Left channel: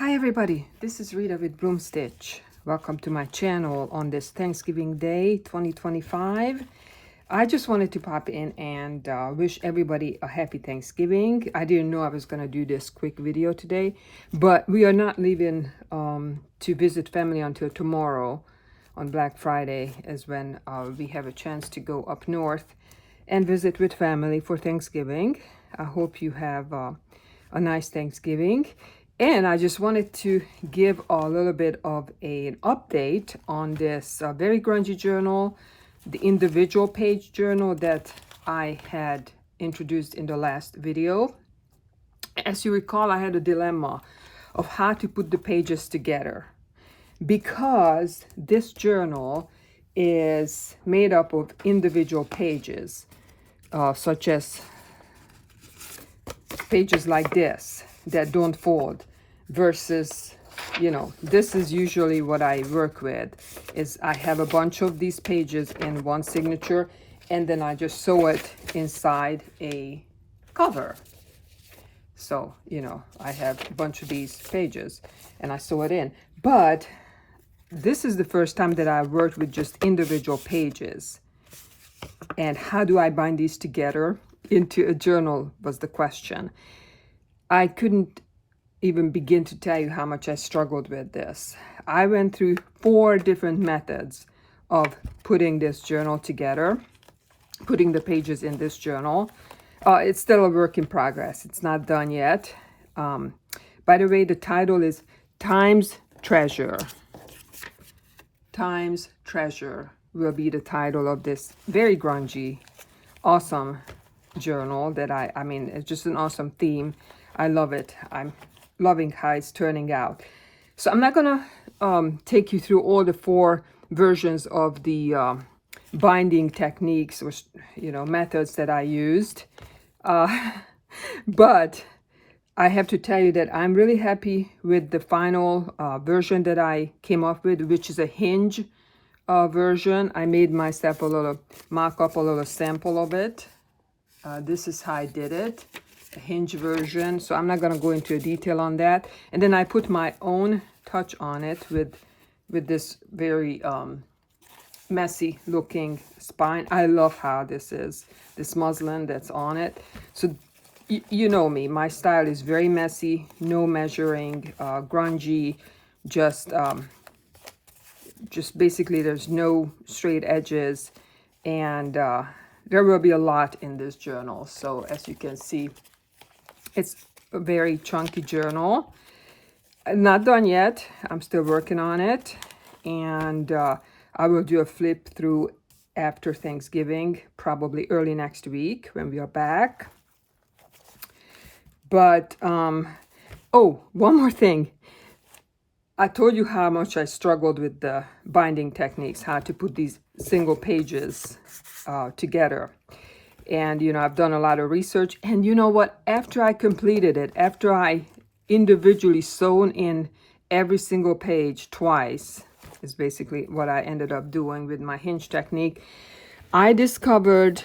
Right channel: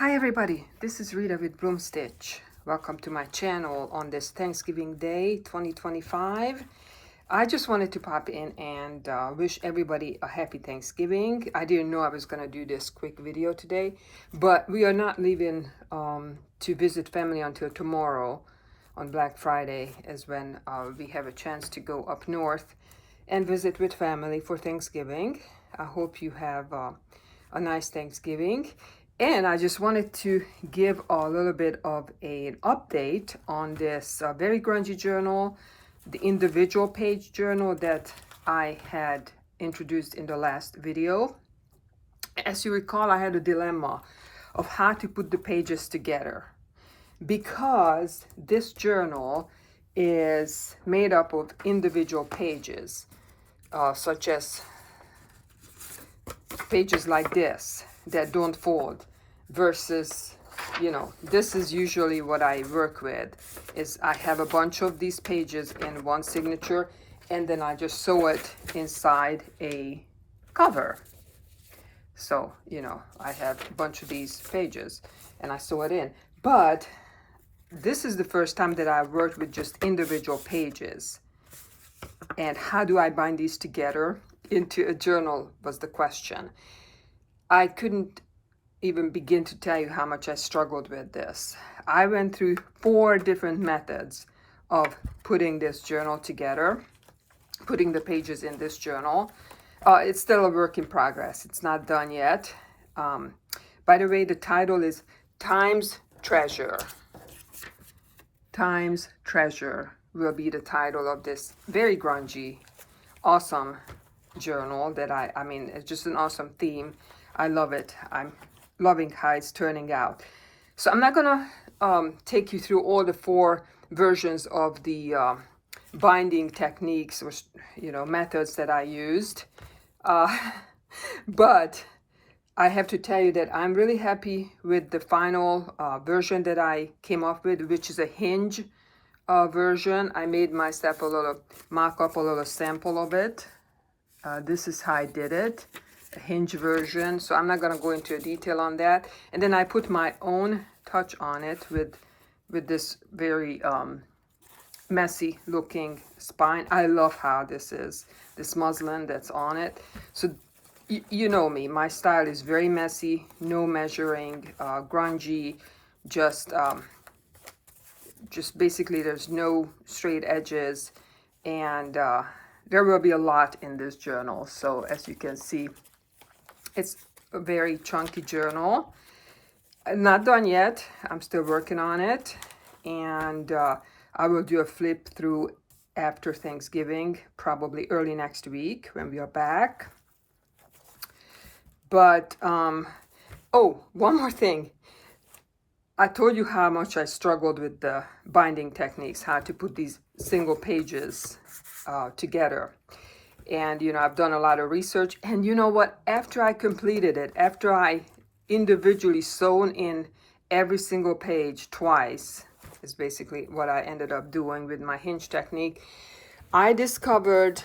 Hi everybody, this is Rita with Broom Stitch. Welcome to my channel on this Thanksgiving Day 2025. I just wanted to pop in and wish everybody a happy Thanksgiving. I didn't know I was going to do this quick video today, but we are not leaving to visit family until tomorrow on Black Friday is when we have a chance to go up north and visit with family for Thanksgiving. I hope you have a nice Thanksgiving. And I just wanted to give a little bit of an update on this very grungy journal, the individual page journal that I had introduced in the last video. As you recall, I had a dilemma of how to put the pages together because this journal is made up of individual pages, such as pages like this that don't fold. Versus, you know, this is usually what I work with, is I have a bunch of these pages in one signature and then I just sew it inside a cover. So, you know, I have a bunch of these pages and I sew it in. But this is the first time that I worked with just individual pages. And how do I bind these together into a journal was the question. I couldn't even begin to tell you how much I struggled with this. I went through 4 different methods of putting this journal together, putting the pages in this journal. It's still a work in progress. It's not done yet. By the way, the title is Time's Treasure. Time's Treasure will be the title of this very grungy, awesome journal that I mean, it's just an awesome theme. I love it. I'm loving how it's turning out. So I'm not gonna take you through all the 4 versions of the binding techniques or, you know, methods that I used, but I have to tell you that I'm really happy with the final version that I came up with, which is a hinge version. I made myself a little mock-up, a little sample of it. This is how I did it. A hinge version, so I'm not going to go into detail on that. And then I put my own touch on it with this very messy looking spine. I love how this is, this muslin that's on it. So you know me, my style is very messy, no measuring, grungy, just basically there's no straight edges, and there will be a lot in this journal. So as you can see, it's a very chunky journal. Not done yet. I'm still working on it. And I will do a flip through after Thanksgiving, probably early next week when we are back. But, oh, one more thing. I told you how much I struggled with the binding techniques, how to put these single pages together. And, you know, I've done a lot of research. And you know what? After I completed it, after I individually sewn in every single page twice, is basically what I ended up doing with my hinge technique, I discovered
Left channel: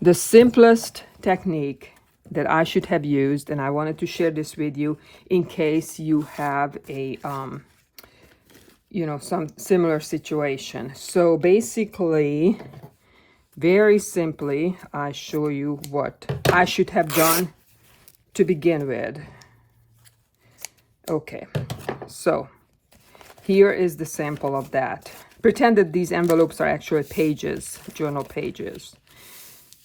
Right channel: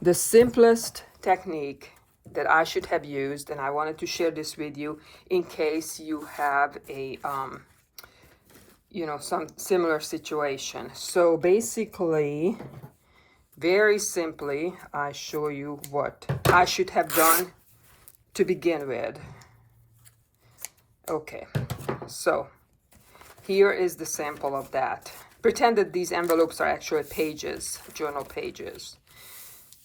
the simplest technique that I should have used. And I wanted to share this with you in case you have a, you know, some similar situation. So basically, very simply, I show you what I should have done to begin with. Okay, so here is the sample of that. Pretend that these envelopes are actually pages, journal pages.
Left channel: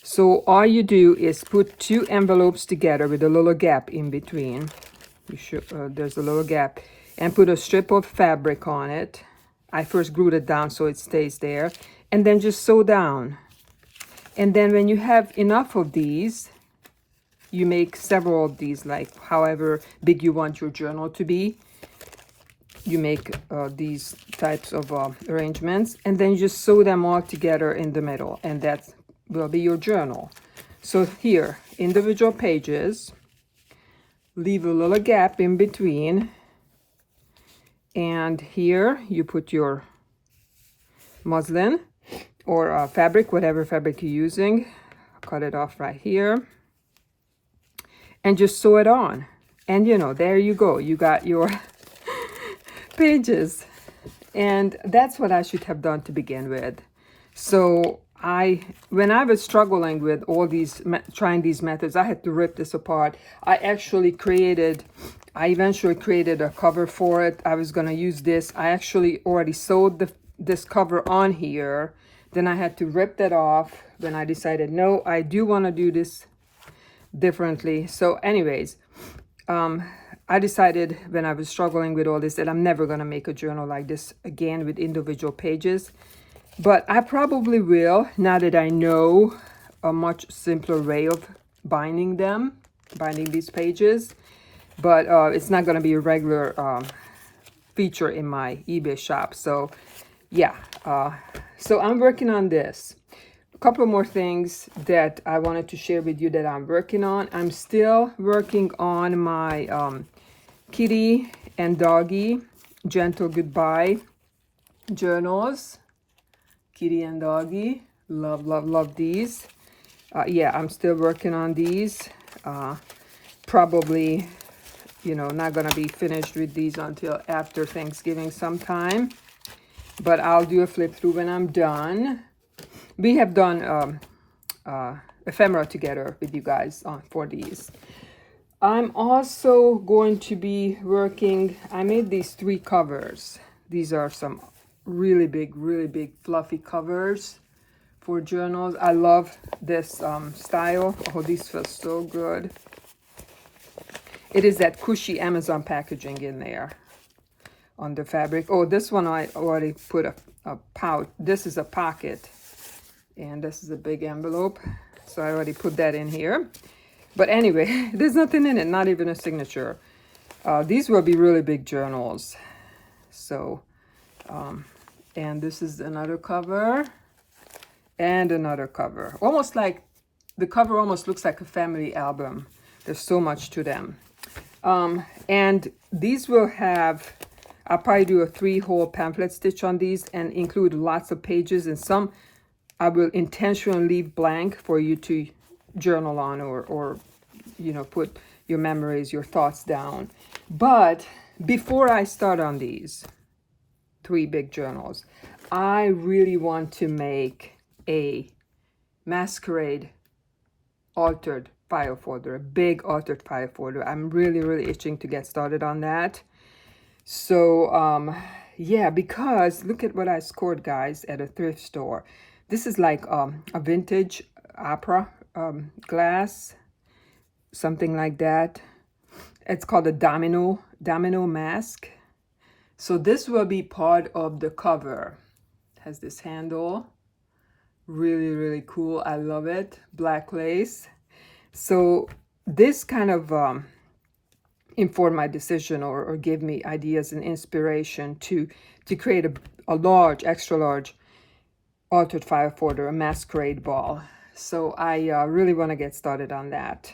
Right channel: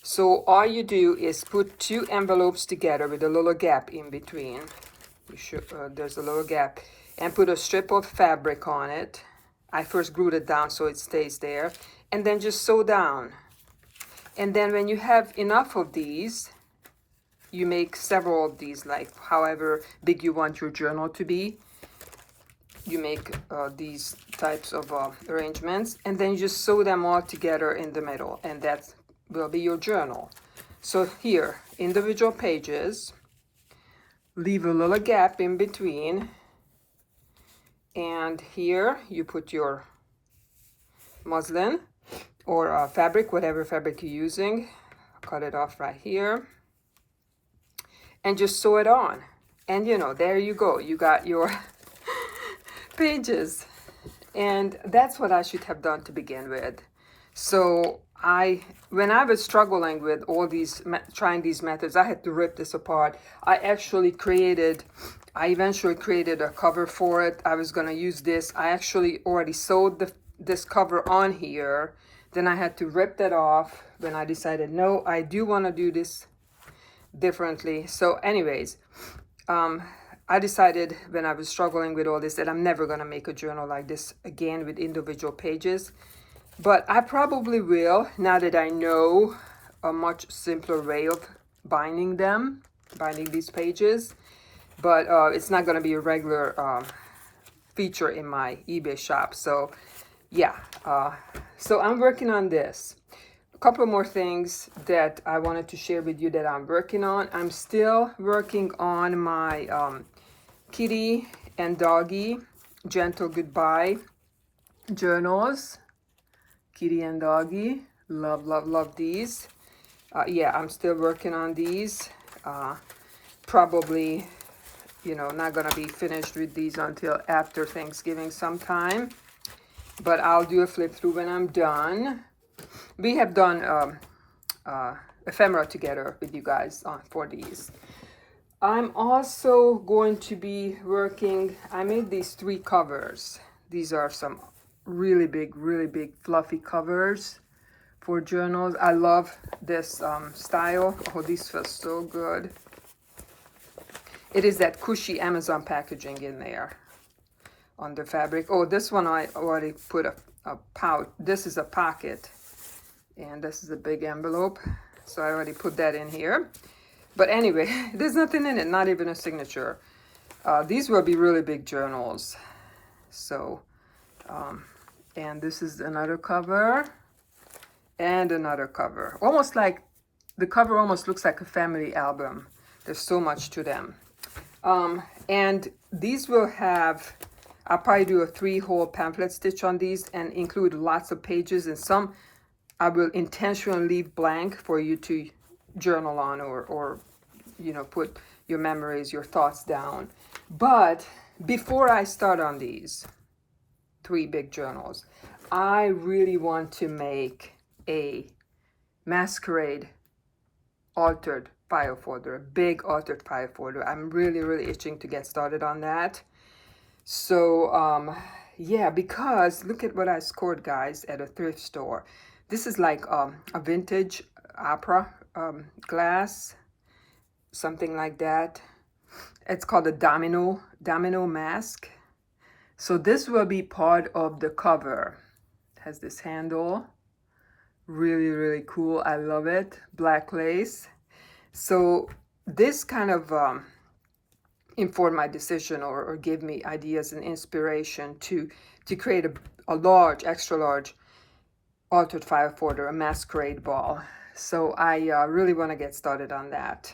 So all you do is put 2 envelopes together with a little gap in between. You should, there's a little gap, and put a strip of fabric on it. I first glued it down so it stays there, and then just sew down. And then when you have enough of these, you make several of these, like however big you want your journal to be. You make these types of arrangements, and then you just sew them all together in the middle, and that will be your journal. So here, individual pages, leave a little gap in between, and here you put your muslin or fabric, whatever fabric you're using. Cut it off right here and just sew it on. And you know, there you go. You got your pages. And that's what I should have done to begin with. So when I was struggling with all these, trying these methods, I had to rip this apart. I eventually created a cover for it. I was going to use this. I actually already sewed this cover on here. Then I had to rip that off. Then I decided, no, I do want to do this differently. So anyways, I decided when I was struggling with all this that I'm never going to make a journal like this again with individual pages. But I probably will, now that I know a much simpler way of binding these pages. But it's not going to be a regular feature in my eBay shop. So yeah, so I'm working on this. A couple more things that I wanted to share with you that I'm working on. I'm still working on my kitty and doggy gentle goodbye journals. Kitty and doggy, love these. Yeah, I'm still working on these. Probably, you know, not gonna be finished with these until after Thanksgiving sometime, but I'll do a flip through when I'm done. We have done ephemera together with you guys for these. I'm also going to be working, I made these 3 covers. These are some really big fluffy covers for journals. I love this style. Oh, these feel so good. It is that cushy Amazon packaging in there on the fabric. Oh, this one I already put a pouch. This is a pocket, and this is a big envelope, so I already put that in here. But anyway, there's nothing in it, not even a signature. These will be really big journals. So, and this is another cover and another cover. Almost like, the cover almost looks like a family album. There's so much to them. And these will have, I'll probably do a 3-hole pamphlet stitch on these and include lots of pages, and some I will intentionally leave blank for you to journal on or you know, put your memories, your thoughts down. But before I start on these 3 big journals, I really want to make a Masquerade altered file folder, a big altered file folder. I'm really itching to get started on that. So yeah, because look at what I scored, guys, at a thrift store. This is like a vintage opera glass, something like that. It's called a domino mask. So this will be part of the cover. It has this handle, really cool. I love it. Black lace. So this kind of informed my decision or gave me ideas and inspiration to create a large, extra large altered file folder, a Masquerade ball. So I really want to get started on that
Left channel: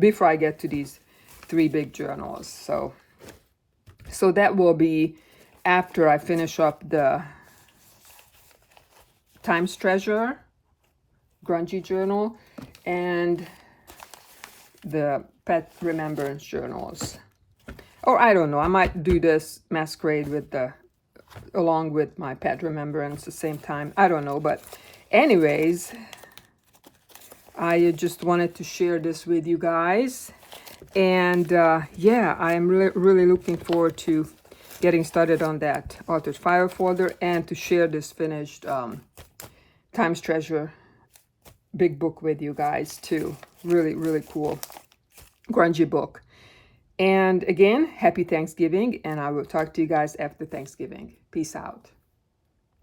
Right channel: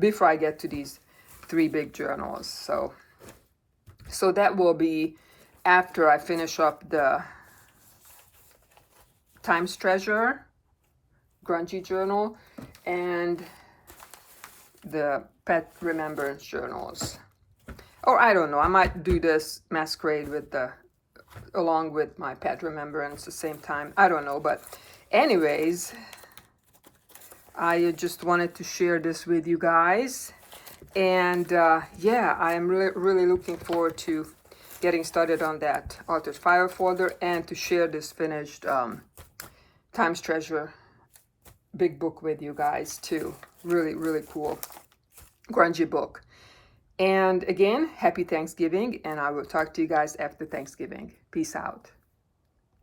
before I get to these 3 big journals. So that will be after I finish up the Times Treasure grungy journal and the pet remembrance journals. Or I don't know, I might do this Masquerade with along with my pet remembrance at the same time. I don't know, but anyways, I just wanted to share this with you guys. And yeah, I'm really looking forward to getting started on that altered file folder and to share this finished Times Treasure big book with you guys too. Really cool grungy book. And again, happy Thanksgiving, and I will talk to you guys after Thanksgiving. Peace out.